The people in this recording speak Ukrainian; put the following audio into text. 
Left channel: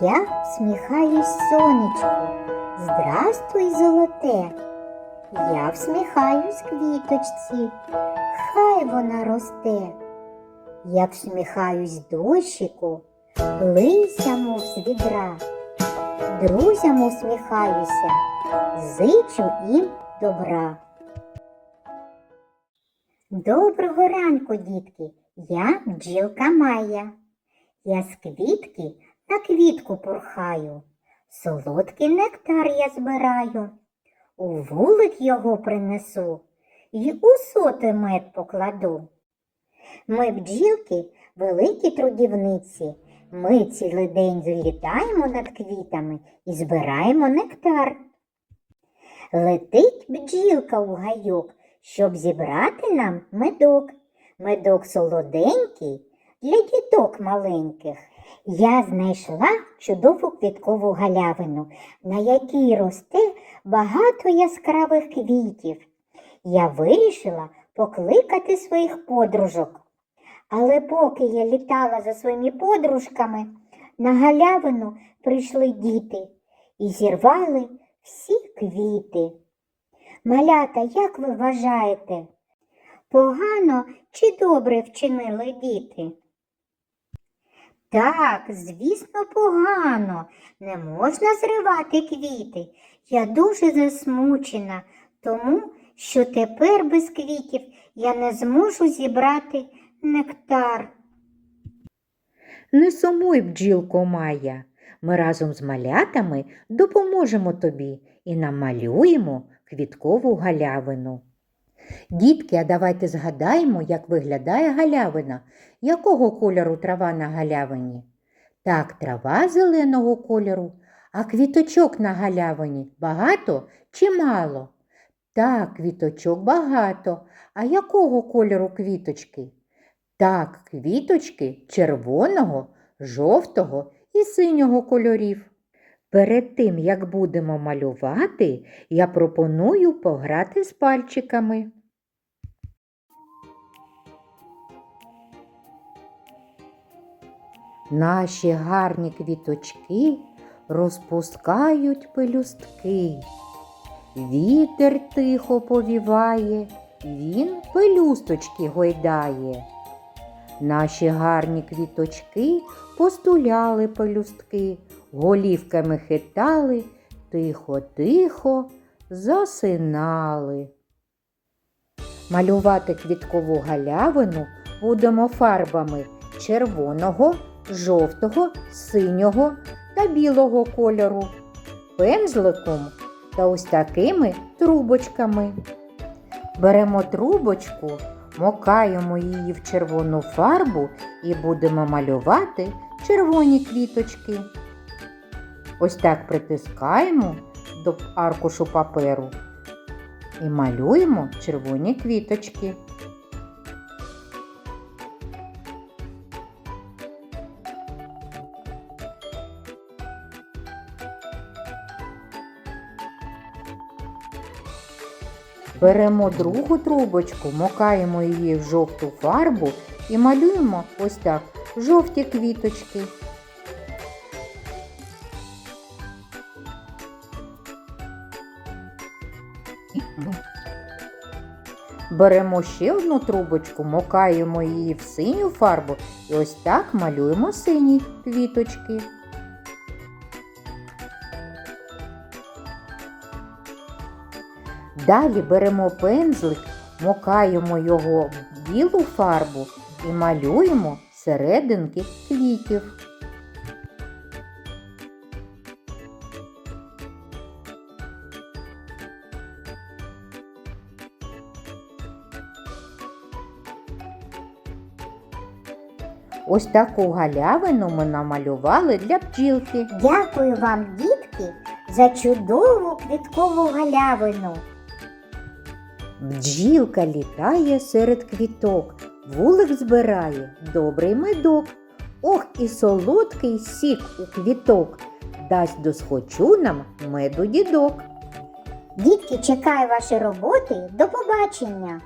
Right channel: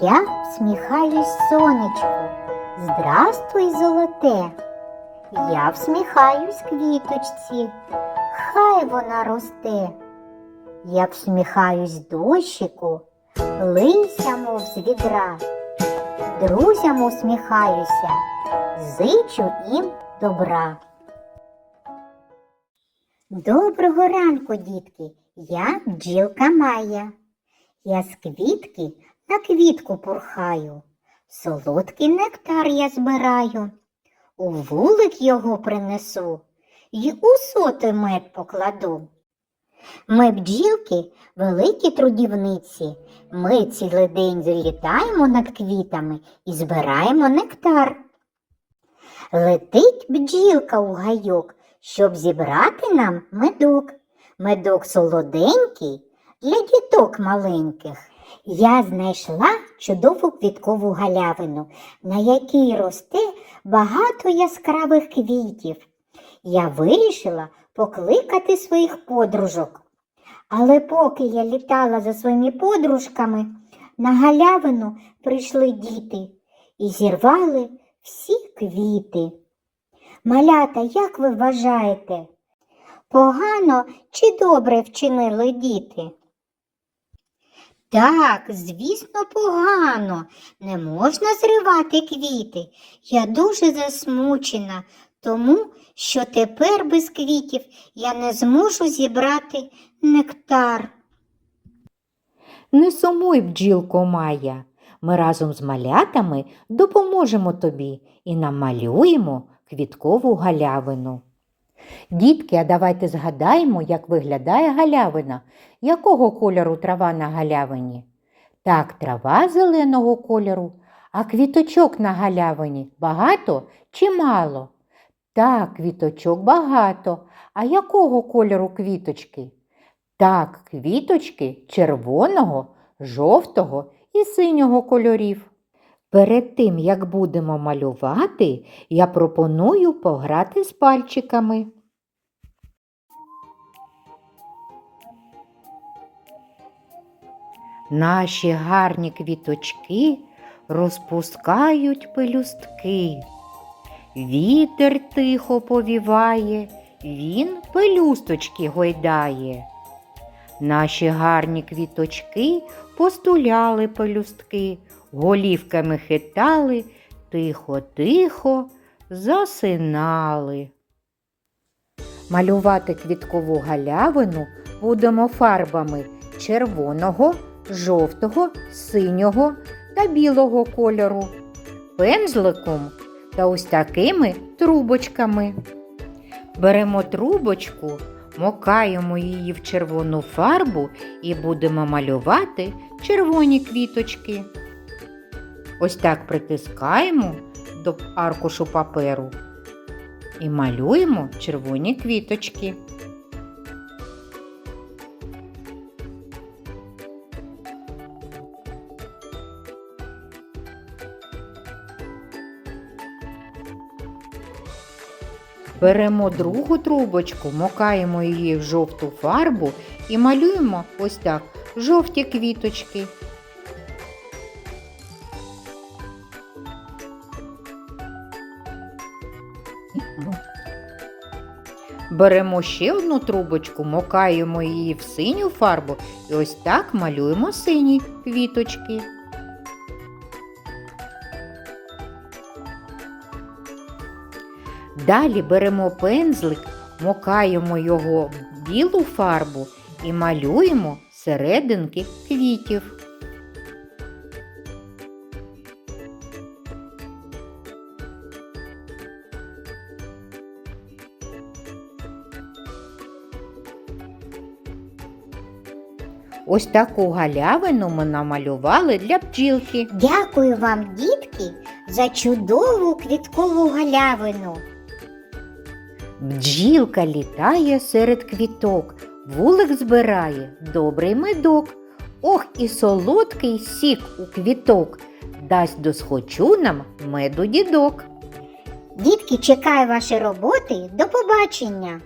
Я всміхаюсь сонечку. Здрастуй, золоте. Я всміхаюсь квіточці, хай вона росте. Я всміхаюсь дощику, лися, з відра. Друзям усміхаюся, зичу їм добра. Доброго ранку, дітки! Я бджілка Майя. Я з квітки на квітку порхаю, солодкий нектар я збираю, у вулик його принесу й у соти мед покладу. Ми бджілки великі трудівниці. Ми цілий день злітаємо над квітами і збираємо нектар. Летить бджілка у гайок, щоб зібрати нам медок. Медок солоденький для діток маленьких. Я знайшла чудову квіткову галявину, на якій росте багато яскравих квітів. Я вирішила покликати своїх подружок. Але поки я літала за своїми подружками, на галявину прийшли діти і зірвали всі квіти. Малята, як ви вважаєте, погано чи добре вчинили діти? Так, звісно, погано. Не можна зривати квіти. Я дуже засмучена, тому що тепер без квітів я не зможу зібрати нектар. Не сумуй, бджілко Майя. Ми разом з малятами допоможемо тобі і намалюємо квіткову галявину. Дітки, а давайте згадаємо, як виглядає галявина. Якого кольору трава на галявині? Так, трава зеленого кольору, а квіточок на галявині багато чи мало? Так, квіточок багато. А якого кольору квіточки? Так, квіточки червоного, жовтого і синього кольорів. Перед тим, як будемо малювати, я пропоную пограти з пальчиками. Наші гарні квіточки розпускають пелюстки. Вітер тихо повіває, він пелюсточки гойдає. Наші гарні квіточки постуляли пелюстки, голівками хитали, тихо-тихо засинали. Малювати квіткову галявину будемо фарбами червоного, жовтого, синього та білого кольору, пензликом та ось такими трубочками. Беремо трубочку, мокаємо її в червону фарбу і будемо малювати червоні квіточки. Ось так притискаємо до аркушу паперу і малюємо червоні квіточки. Беремо другу трубочку, мокаємо її в жовту фарбу і малюємо ось так жовті квіточки. Беремо ще одну трубочку, мокаємо її в синю фарбу і ось так малюємо сині квіточки. Далі беремо пензлик, мокаємо його в білу фарбу і малюємо серединки квітів. Ось таку галявину ми намалювали для бджілки. Дякую вам, дітки, за чудову квіткову галявину. Бджілка літає серед квіток, вулик збирає добрий медок. Ох, і солодкий сік у квіток, дасть досхочу нам меду дідок. Дітки, чекаю ваші роботи. До побачення!